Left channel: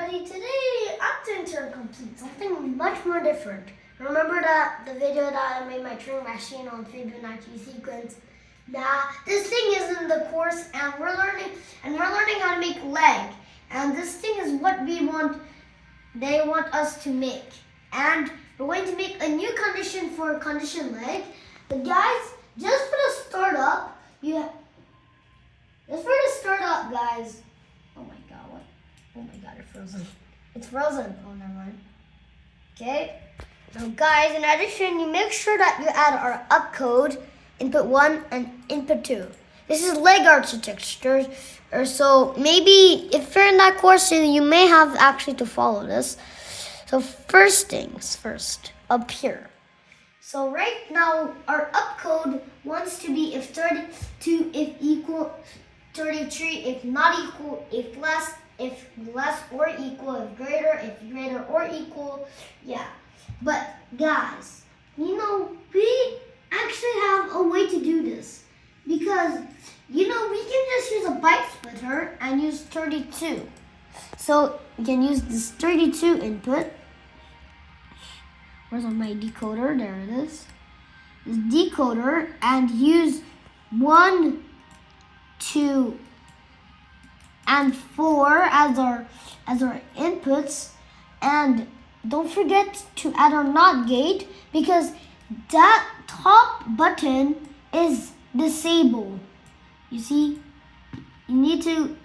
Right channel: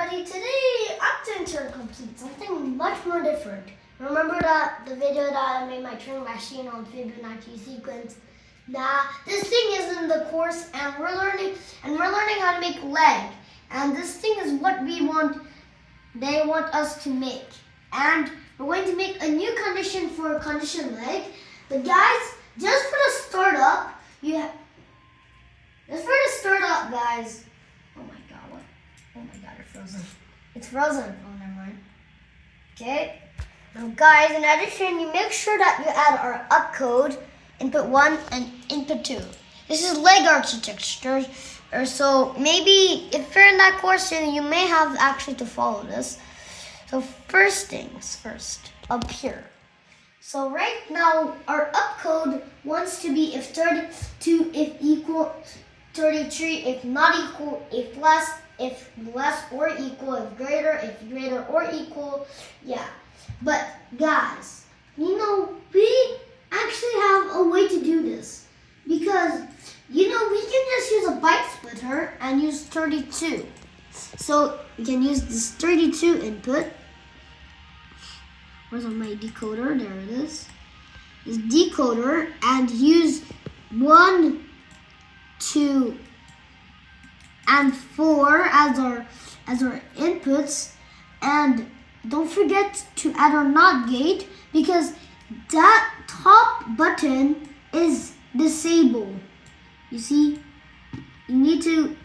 everybody, today I'm going to complete something much more different. Remember that the video that I made my Turing machine on Fibonacci sequence? This thing is in the course and we're learning how to make leg. And this thing is what they want us to make. And we're going to make a new condition for condition leg. But guys, just for the startup, guys. Oh my god, what? Oh my god, it's frozen. It's frozen. Oh, never mind. Okay. So guys, in addition, you make sure that you add our opcode, input 1 and input 2. This is leg architecture. So maybe if you're in that course, you may have actually to follow this. So first things first, up here. So right now, our opcode wants to be if 32, if equal, 33, if not equal, if less or equal, if greater or equal, yeah. But guys, we actually have a way to do this. Because, we can just use a byte splitter and use 32. So you can use this 32 input. Where's my decoder? There it is. This decoder and use 1, 2, and 4 as our inputs, and don't forget to add our NOT gate because that top button is disabled. You see,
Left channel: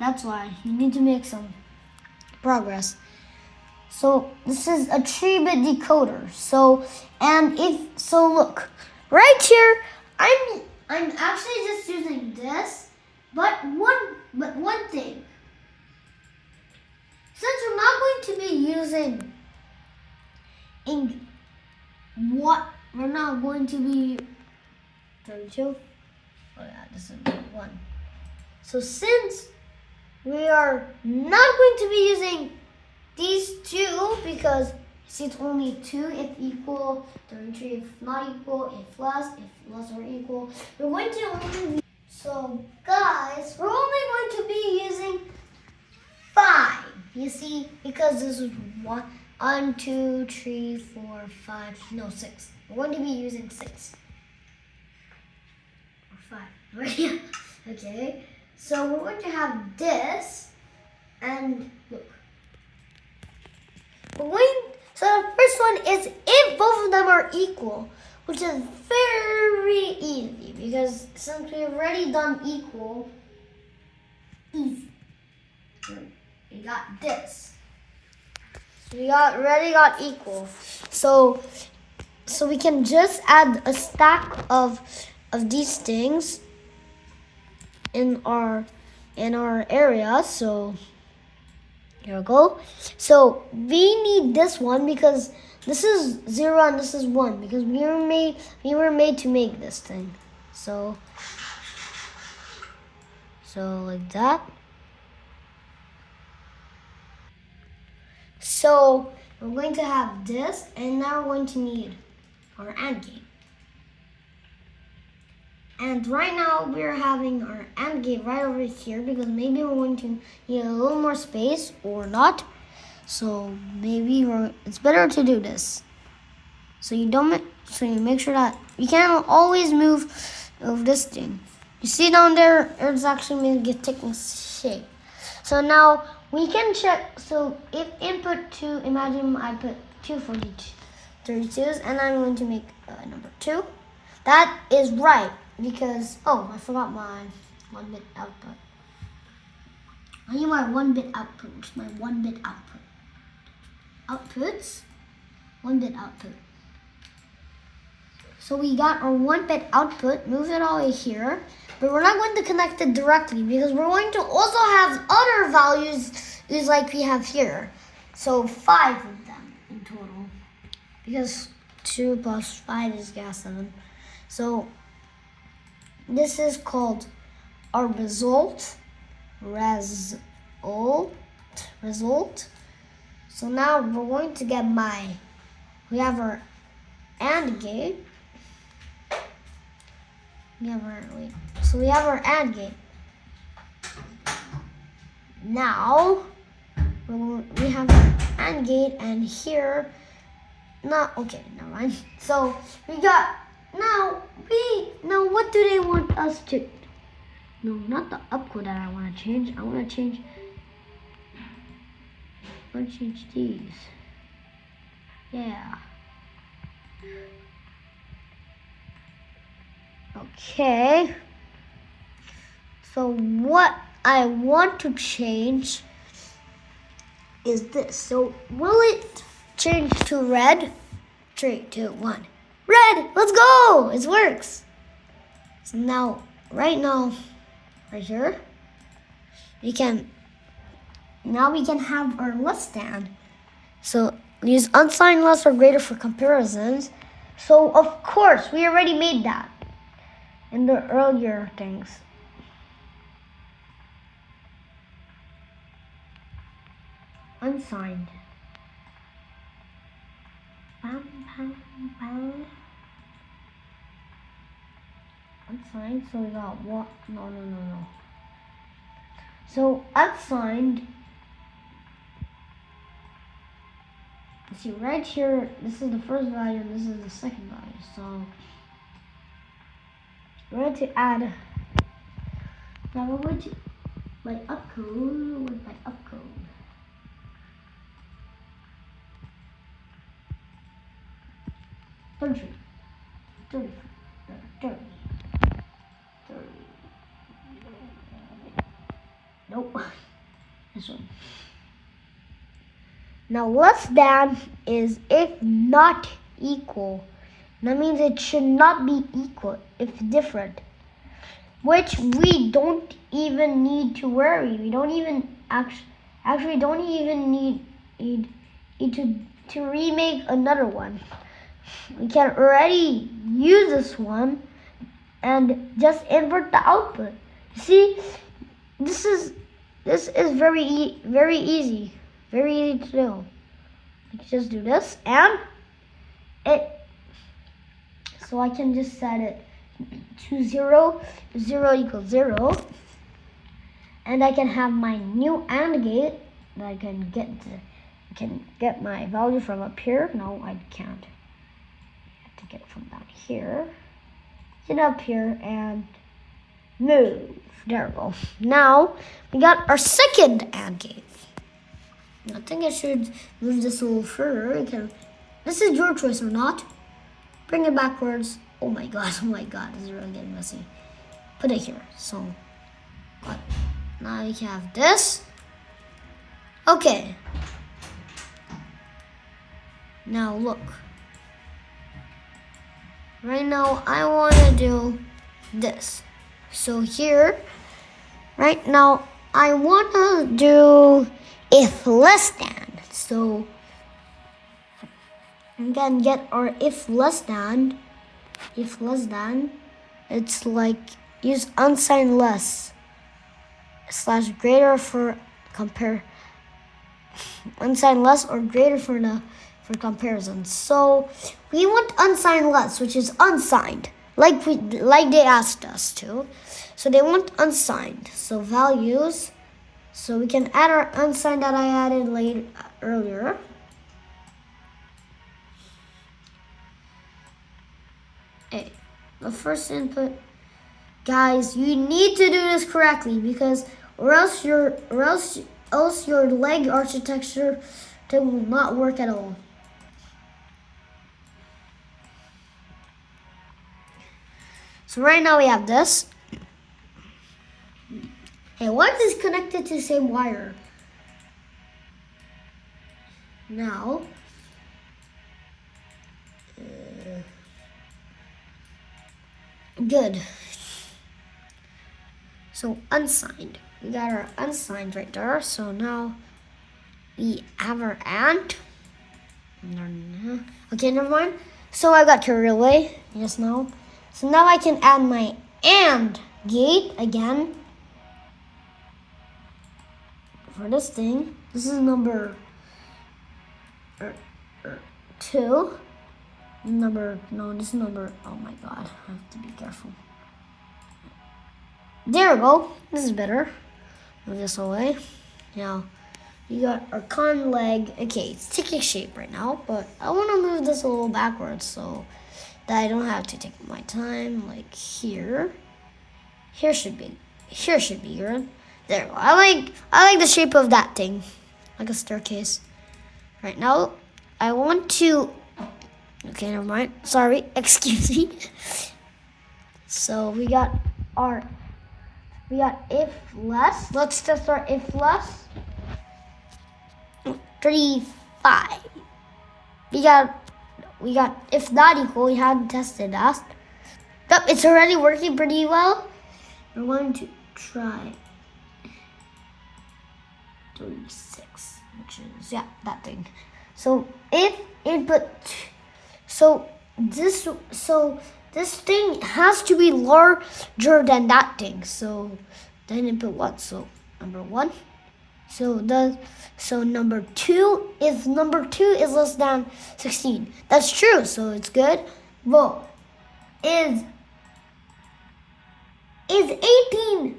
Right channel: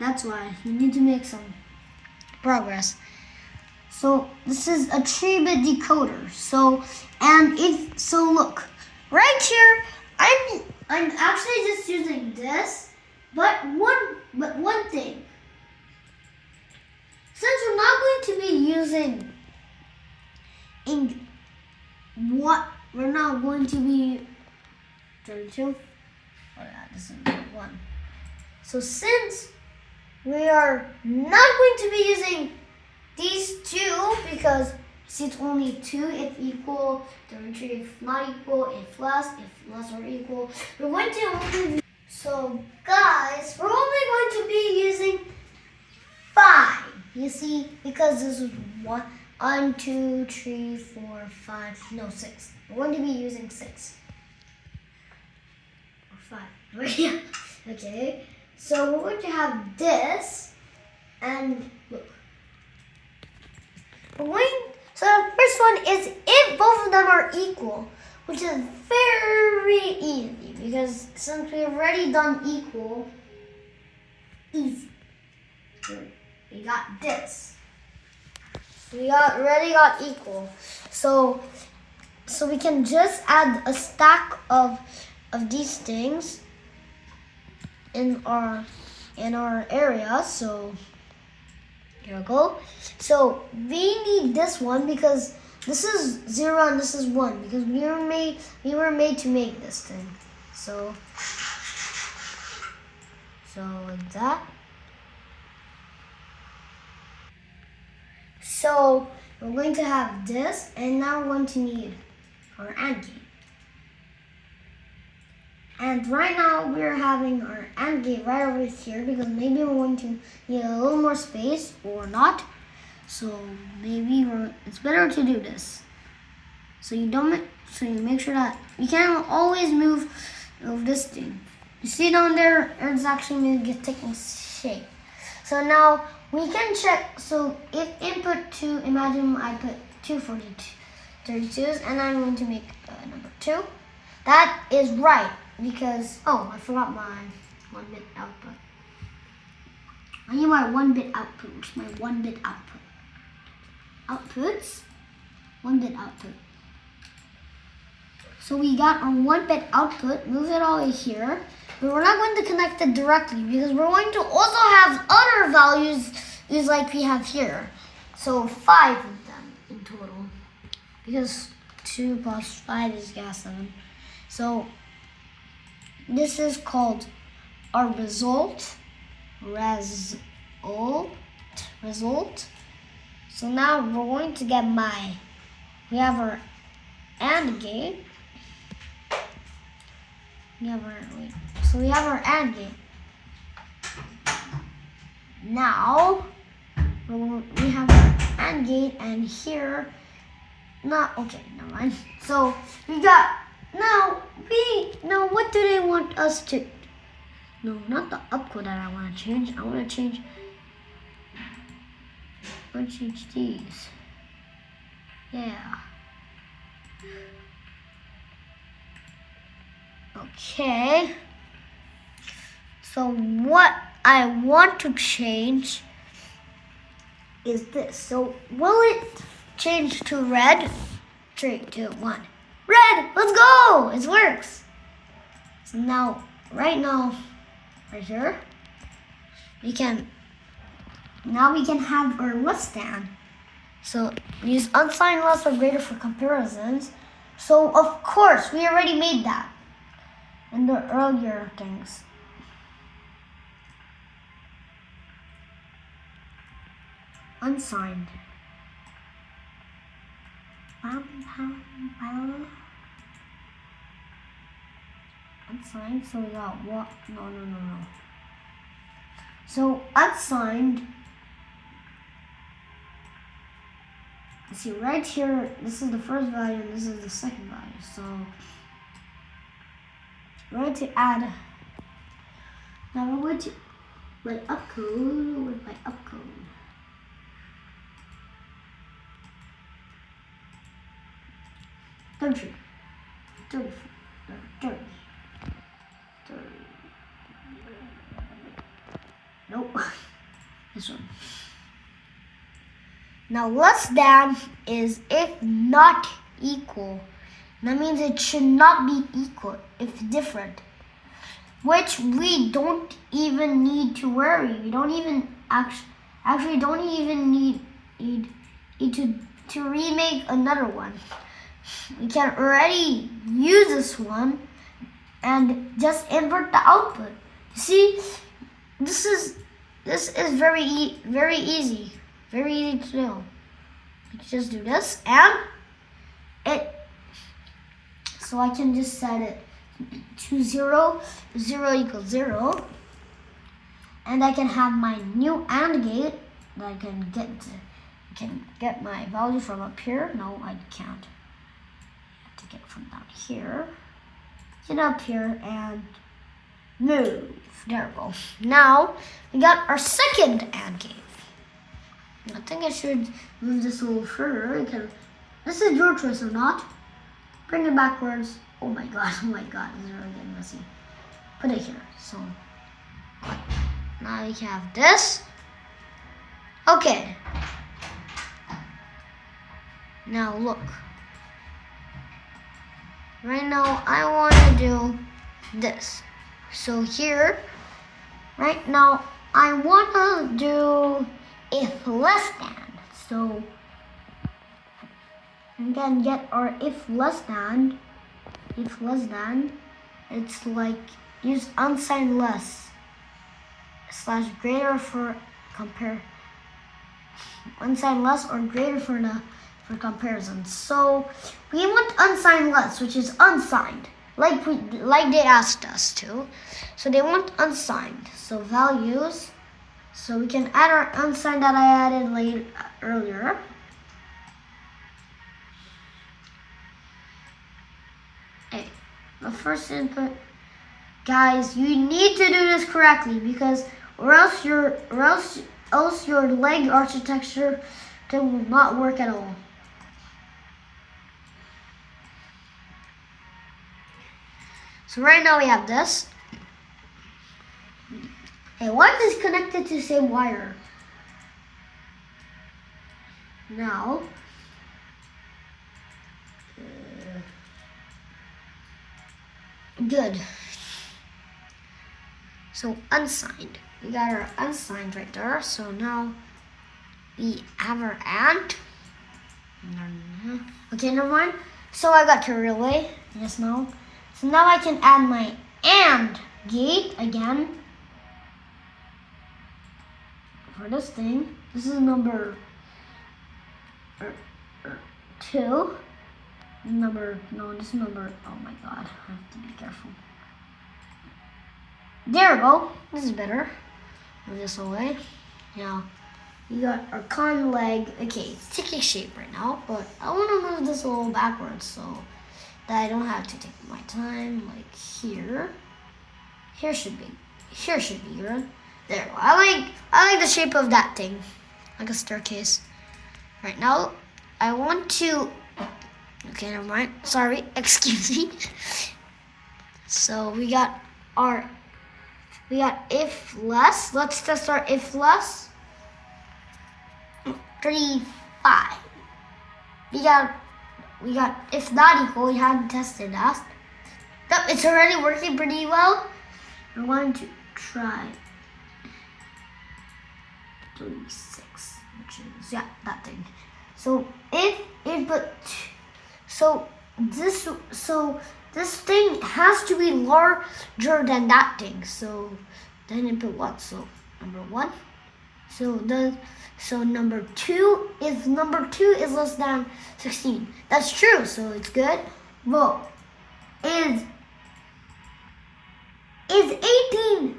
that's why you need to make some progress. So this is a 3-bit decoder. So look, right here, I'm actually just using this, but one thing. Since we're not going to be using we're not going to be 32. Oh yeah, this is 1. So since we are not going to be using these two, because see it's only 2 if equal, 33 if not equal, if less or equal. We're going to only be, so guys, we're only going to be using 5. You see, because this is 1, 2, 3, 4, 5, no 6. We're going to be using 6 or 5. Okay, so we're going to have this, and look. So the first one is if both of them are equal, which is very easy because since we've already done equal, easy. We got this. We already got equal. So we can just add a stack of these things in our area. So here we go. So we need this one because this is 0 and this is 1 because we were made to make this thing. So like that. So we're going to have this, and now we're going to need our AND gate. And right now we're having our AND gate right over here because maybe we're going to need a little more space or not. So maybe it's better to do this. So you make sure that you can't always move this thing. You see down there, it's actually taking shape. So now we can check. So if input 2, imagine I put 2 for 32s, and I'm going to make number 2. That is right because I forgot my 1-bit output. I need my 1-bit output, which is my 1-bit output. Outputs, 1-bit output. So we got our 1-bit output, move it all here, but we're not going to connect it directly because we're going to also have other values is like we have here. So 5 of them in total because 2 plus 5 is 7. So this is called our result. So now we're going to get we have our AND gate. We have our AND gate. Now we have our AND gate, and here, okay, never mind. So we got, now what do they want us to, no, not the opcode that I want to change. I want to change these. Yeah. Okay. So what I want to change is this. So will it change to red? 3, 2, 1. Red! Let's go! It works. So now, right here, we can have our less than. So use unsigned less or greater for comparisons. So of course, we already made that in the earlier things. Unsigned. Unsigned, so we got what? No. So unsigned, see right here, this is the first value and this is the second value. So we're going to add, now we're going to, my opcode, Country. 30. Nope. This one. Now less than is if not equal. That means it should not be equal if different. Which we don't even need to worry. We don't even actually don't even need to remake another one. We can already use this one and just invert the output. You see, this is very easy to do. You just do this and it. So I can just set it to 0 equals 0, and I can have my new AND gate that I can get my value from up here. No, I can't. To get it from down here, get up here and move. There we go. Now we got our second AND gate. I think I should move this a little further. This is your choice or not. Bring it backwards. Oh my god, this is really getting messy. Put it here. So now we have this. Okay. Now look. Right now, I want to do this. So here, right now, I want to do if less than. So we can get our if less than. It's like use unsigned less / greater for compare. Unsigned less or greater for comparison. So we want unsigned less, which is unsigned, like they asked us to. So they want unsigned. So values. So we can add our unsigned that I added earlier. Hey, the first input, guys, you need to do this correctly because or else your leg architecture will not work at all. So right now we have this. Hey, why is this connected to the same wire? Now, good. So unsigned. We got our unsigned right there. So now we have our AND. Okay, never mind. So I got carried away just now. So now I can add my AND gate again for this thing. This is number 2. This is number, oh my god, I have to be careful. There we go. This is better. Move this away. Now, We got our con leg. Okay, it's taking shape right now, but I want to move this a little backwards so that I don't have to take my time. Like here. Here should be good. There. I like the shape of that thing, like a staircase. Right now, I want to. Okay, never mind. Sorry, excuse me. So we got if less. Let's test our if less. 35. We got if not equal. We hadn't tested that. Yep, it's already working pretty well. We're going to try 36, which is that thing. So if input, this thing has to be larger than that thing. So then input what? So number 1. So number 2 is less than 16. That's true. So it's good. But is 18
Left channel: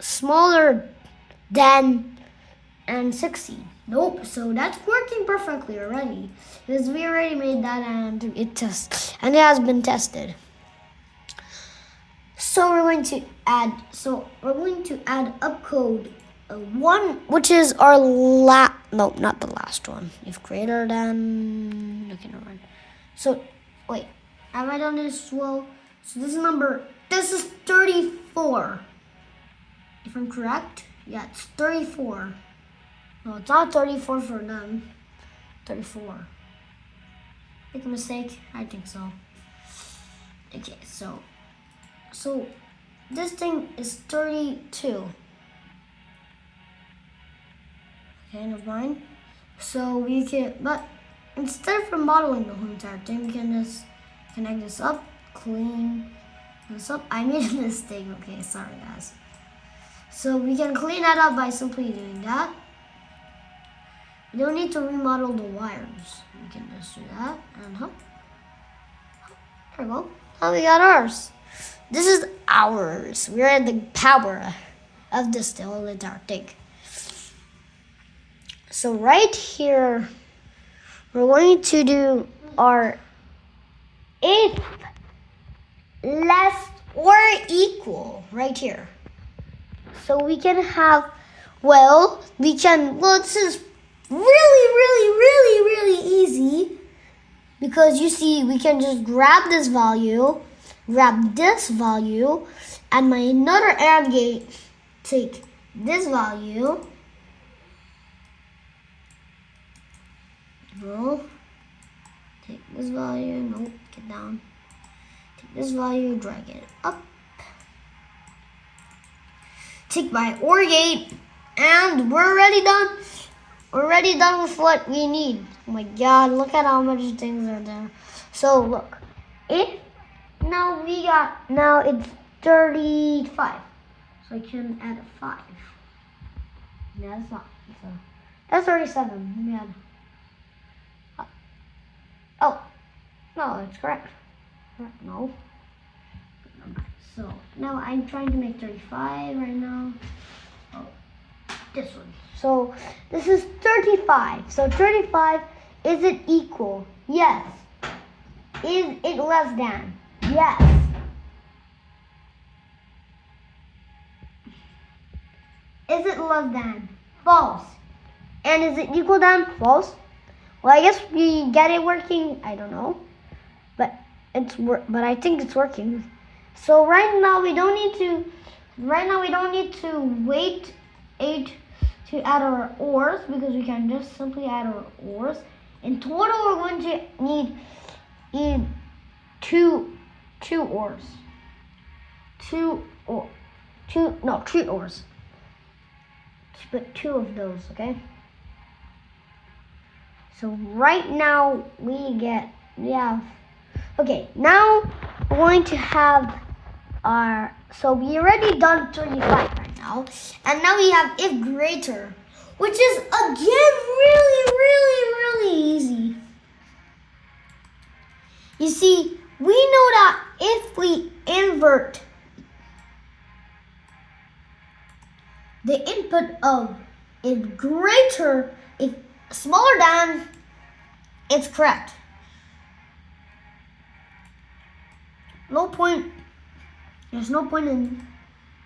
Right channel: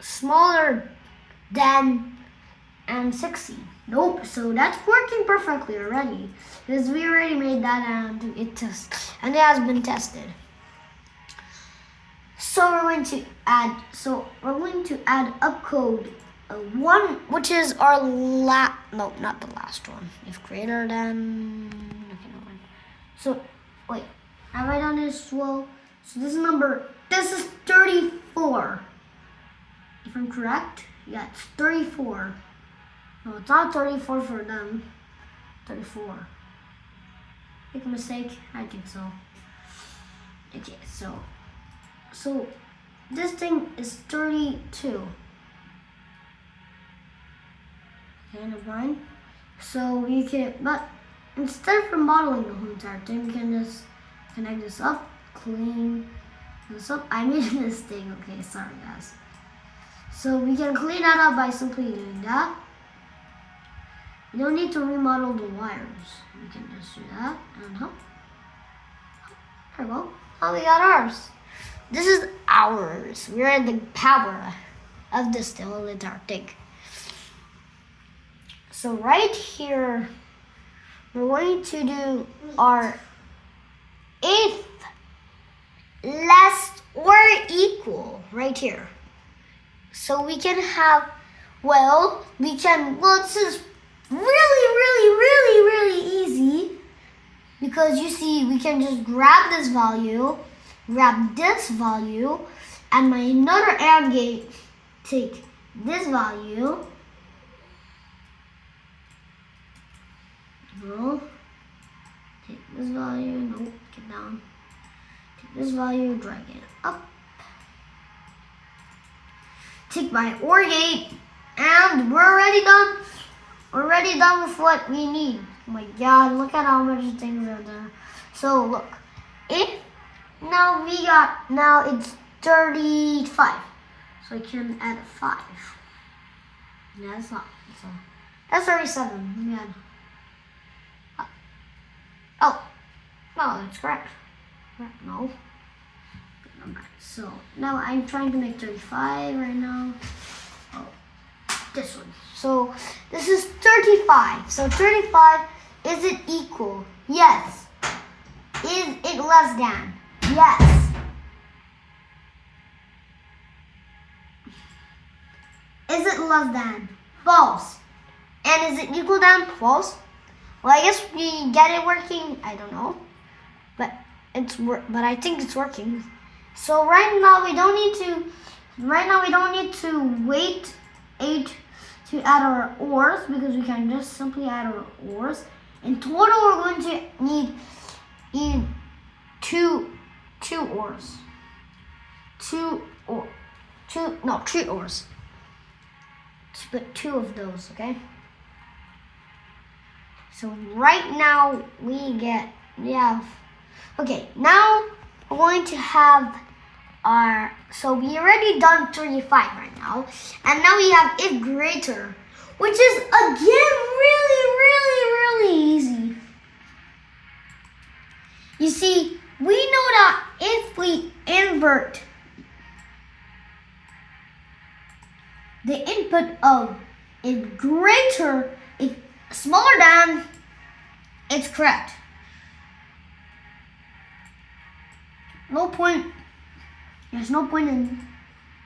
smaller than 16? Nope. So that's working perfectly already because we already made that and it has been tested. So we're going to add opcode 1, which is our no, not the last one. If greater than, okay, never mind. So wait, have I done this well? So this is 34. If I'm correct, yeah, it's 34. No, it's not 34 for them. 34. Make a mistake? I think so. Okay, so this thing is 32. Okay, never mind. So we can, but instead of remodeling the whole entire thing, we can just connect this up, clean this up. I made a mistake. Okay, sorry guys. So we can clean that up by simply doing that. We don't need to remodel the wires. We can just do that and there we go. Oh, we got ours. This is ours. We're at the power of this whole entire thing. So right here, we're going to do our if less or equal right here. So we can have, this is really easy because you see, we can just grab this value, and my another AND gate, take this value, take this value, get down, take this value, drag it up, take my OR gate, and we're already done. We're already done with what we need. Oh my God, look at how much things are there. So look, now it's 35. So I can add a 5. No, that's not. That's 37. Let me add. Oh, no, it's correct. No. So now I'm trying to make 35 right now. Oh, this one. So this is 35. So 35, is it equal? Yes. Is it less than? Yes. Is it less than? False. And is it equal than? False. Well, I guess we get it working. I don't know, but I think it's working. So right now we don't need to wait 8 to add our ORs because we can just simply add our ORs. In total, we're going to need two ORs. 3 ORs. Let's put 2 of those, okay? So right now okay, now we're going to have so we already done 35 right now, and now we have if greater, which is again really easy. You see, we know that if we invert the input of if greater, if smaller than, it's correct. No point. There's no point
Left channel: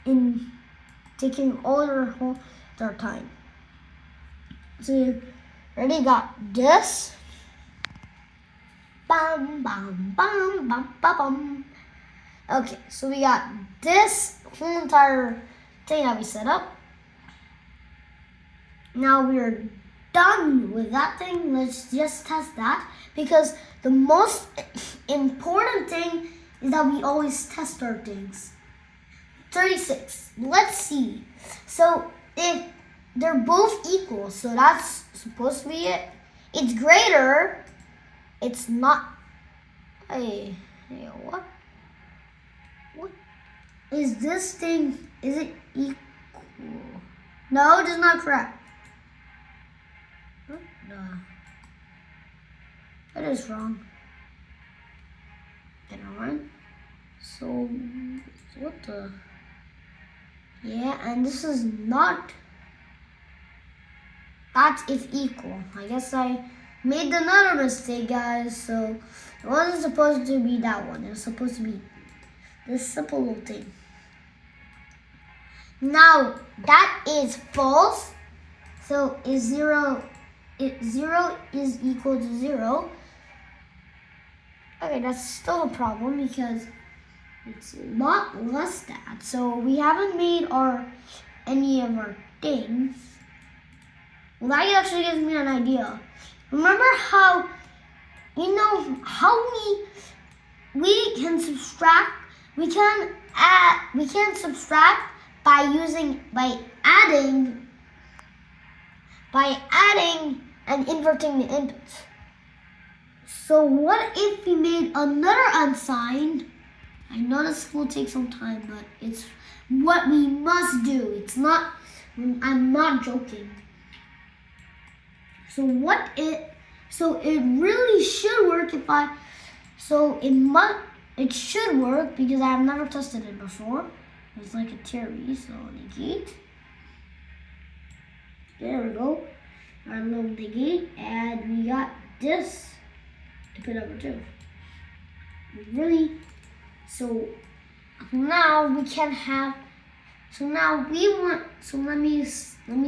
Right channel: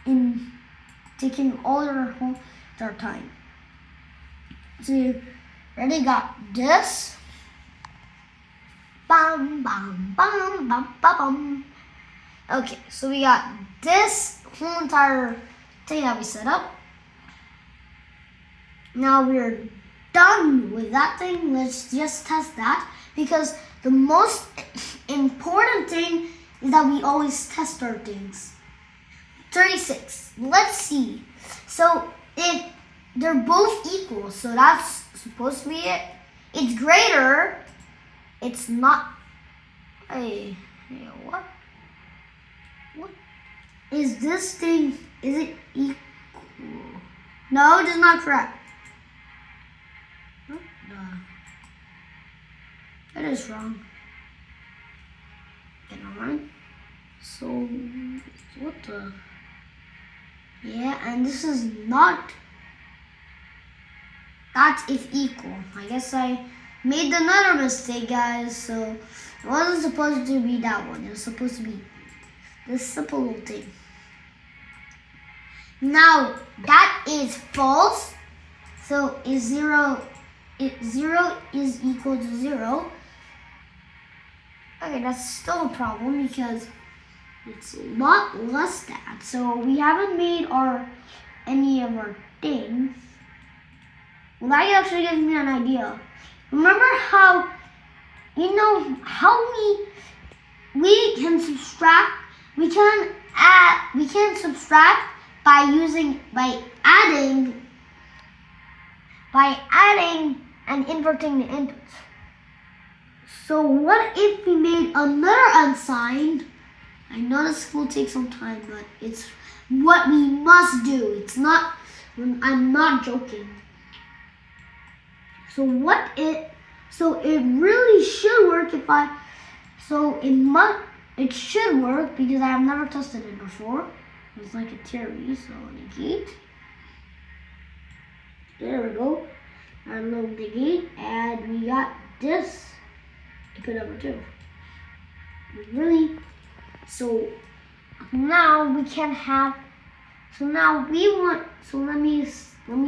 in taking all our time. So you already got this. Bam, bam, bam, bam, bam, bam. Okay, so we got this whole entire thing that we set up. Now we're done with that thing. Let's just test that, because the most important thing is that we always test our things. 36. Let's see. So if they're both equal, so that's supposed to be it. It's greater. It's not. Hey, what? What is this thing? Is it equal? No, it is not correct. No, that is wrong. Okay, never mind. So what the? Yeah, and this is not. That's if equal. I guess I made another mistake, guys. So it wasn't supposed to be that one. It was supposed to be this simple little thing. Now that is false. So is 0 is equal to 0. Okay, that's still a problem because it's a lot less than. So we haven't made any of our things. Well, that actually gives me an idea. Remember how, how we can subtract, we can subtract by adding and inverting the inputs. So what if we made another unsigned? I know this will take some time, but it's what we must do. I'm not joking. So it really should work it should work because I've never tested it before. It's like a theory, so negate. There we go. Our little negate, and we got this. Input number 2. Really. So now we can have. So now we want. So let me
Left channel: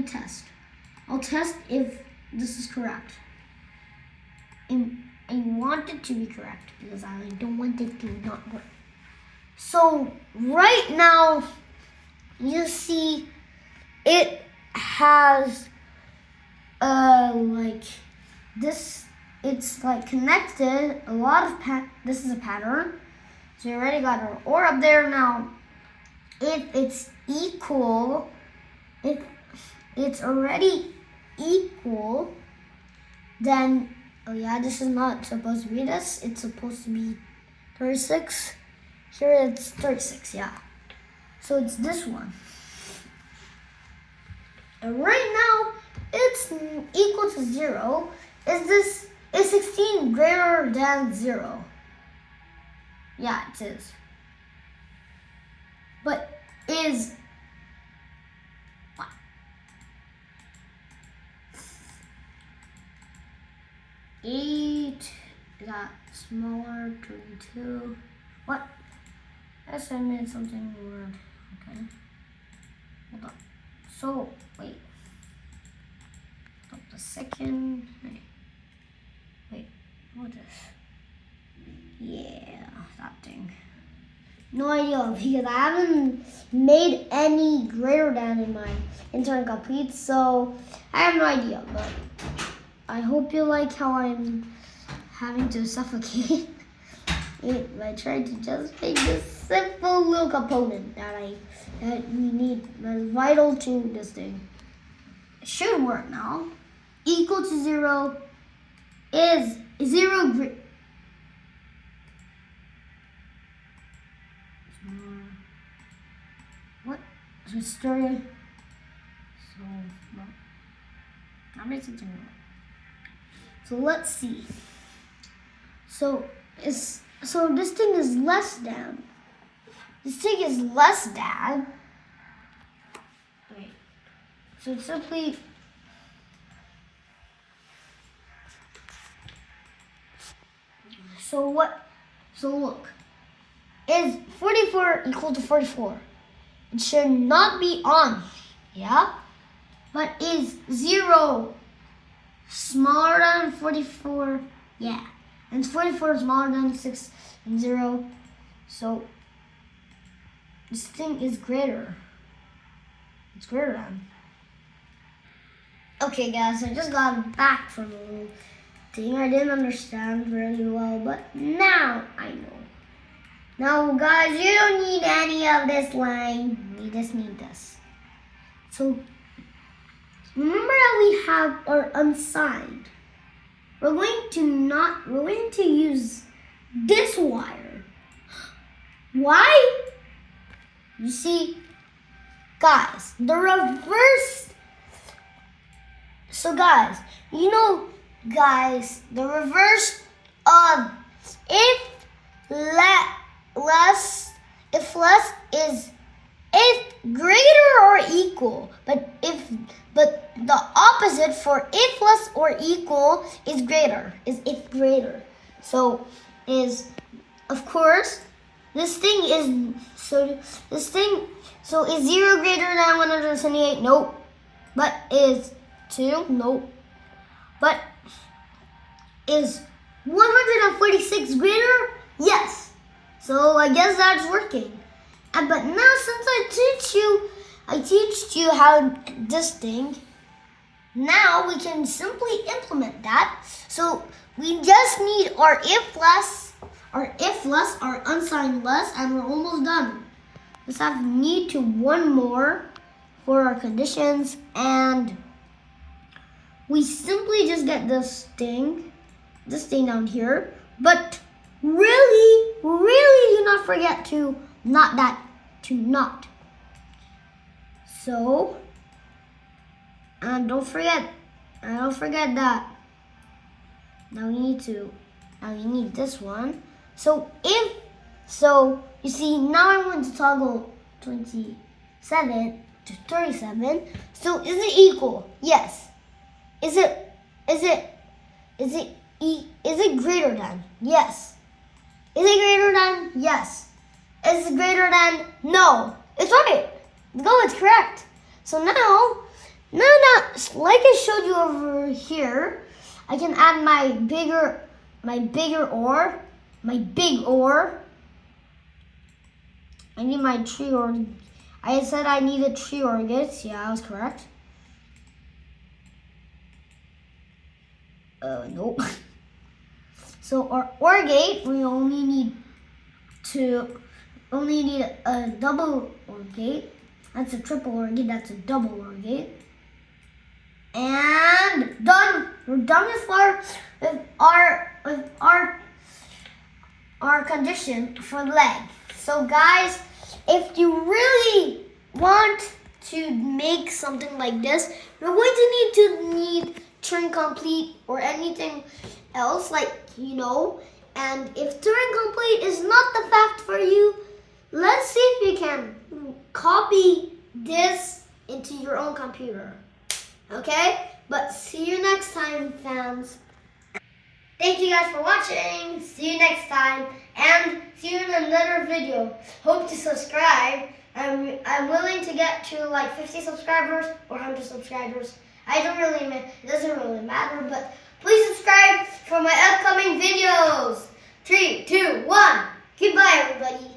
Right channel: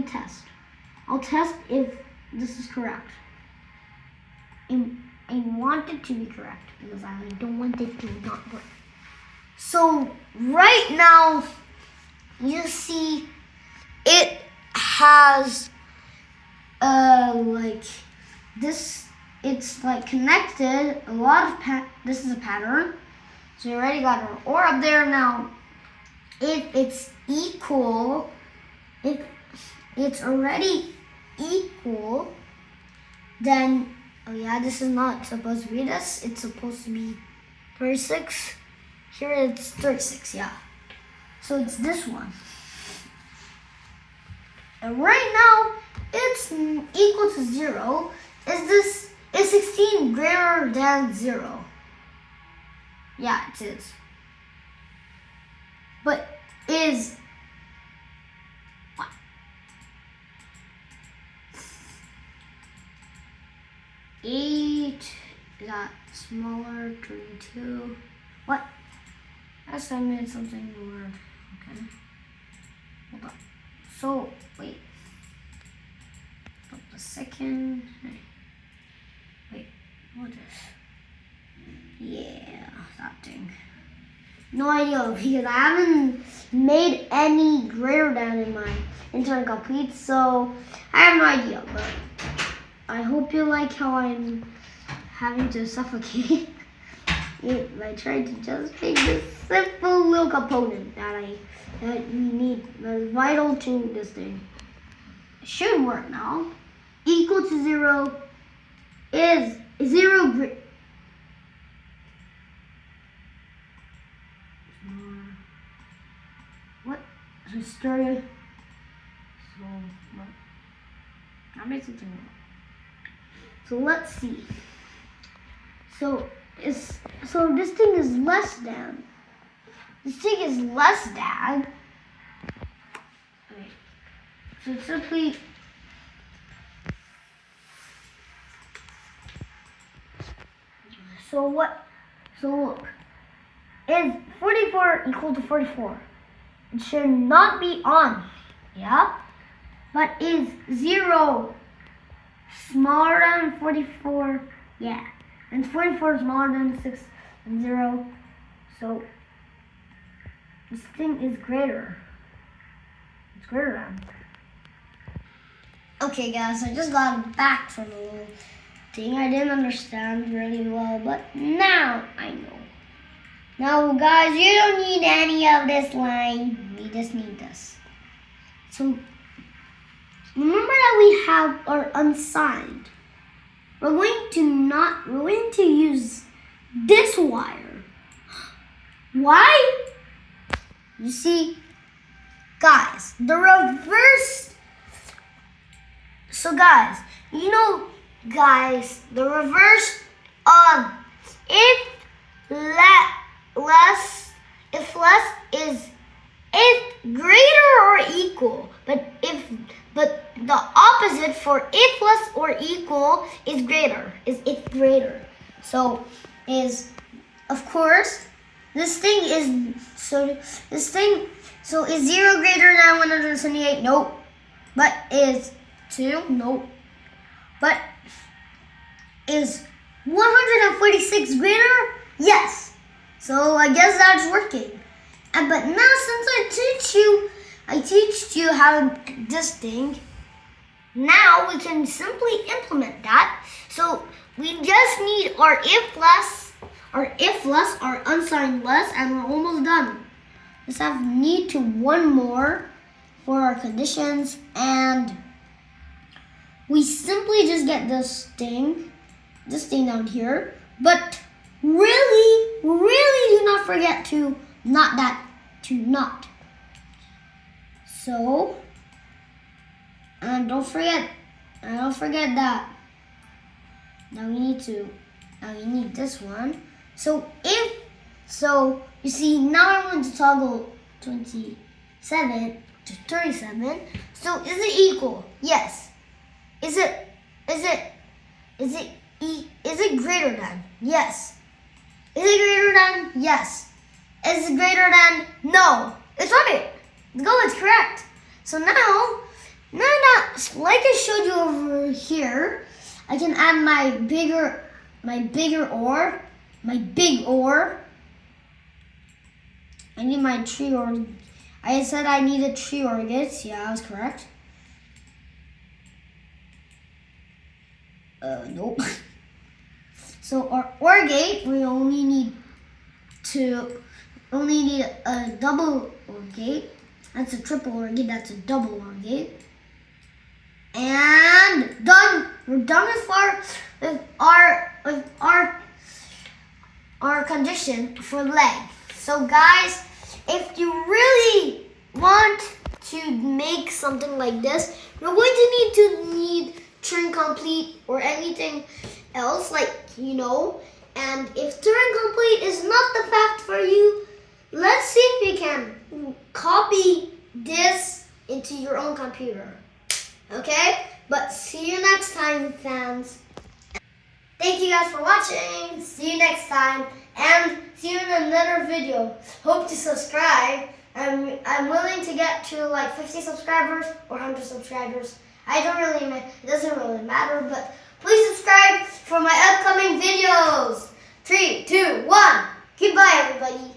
test. I'll test if this is correct. And I want it to be correct because I don't want it to not work. So right now, you see, it has like this. It's like connected. A lot of this is a pattern. So we already got our OR up there. Now, if it's equal, if it's already equal, then oh yeah, this is not supposed to be this. It's supposed to be 36. Here it's 36, yeah. So it's this one. And right now, it's equal to 0. Is 16 greater than 0? Yeah, it is. But is what? Eight got smaller, 22. What? That's I made something weird. Okay. Hold on. So wait. The second. Wait. What is? Yeah, that thing. No idea because I haven't made any greater than in my intern complete, so I have no idea. But I hope you like how I'm having to suffocate it by trying to just make this simple little component that we need, that is vital to this thing. It should work now. Equal to 0 is 0 what? Story. So what? I made something wrong. So let's see. So this thing is less than. This thing is less than. Okay. So it's simply So what? So look, is 44 equal to 44? It should not be on, yeah? But is 0 smaller than 44? Yeah. And 44 is smaller than 6 and 0. So this thing is greater. It's greater than. Okay guys, I just got it back from a thing I didn't understand really well, but now I know. Now guys, you don't need any of this line. We just need this. So remember that we have our unsigned. We're going to use this wire. Why? You see, guys, the reverse. So guys, you know, guys, the reverse of if greater or equal, but the opposite for if less or equal is greater, is if greater. So is, of course, this thing is, so is 0 greater than 178? Nope. But is 2? Nope. But is 146 greater? Yes. So I guess that's working. But now since I teach you how this thing, now we can simply implement that. So we just need our if less, our unsigned less, and we're almost done. Just need to one more for our conditions, and we simply just get this thing down here. But really do not forget to not. So, and don't forget that. Now we need this one. So you see, now I'm going to toggle 27 to 37. So is it equal? Yes. Is it greater than? Yes. Is it greater than? Yes. Is it greater than? No. It's right. Go, it's correct. So now, like I showed you over here, I can add my big OR. I need my tree OR. I said I needed 3 OR gates. Yeah, I was correct. Nope. So our OR gate, we only need a double OR gate. That's a triple OR gate. That's a double OR gate. And done. We're done with our condition for leg. So guys, if you really want to make something like this, you're going to need Turing complete or anything else, like, you know. And if Turing complete is not the fact for you, let's see if you can copy this into your own computer. Okay? But see you next time, fans. Thank you guys for watching. See you next time. And see you in another video. Hope to subscribe. I'm willing to get to like 50 subscribers or 100 subscribers. It doesn't really matter, but please subscribe for my upcoming videos. 3, 2, 1. Goodbye, everybody.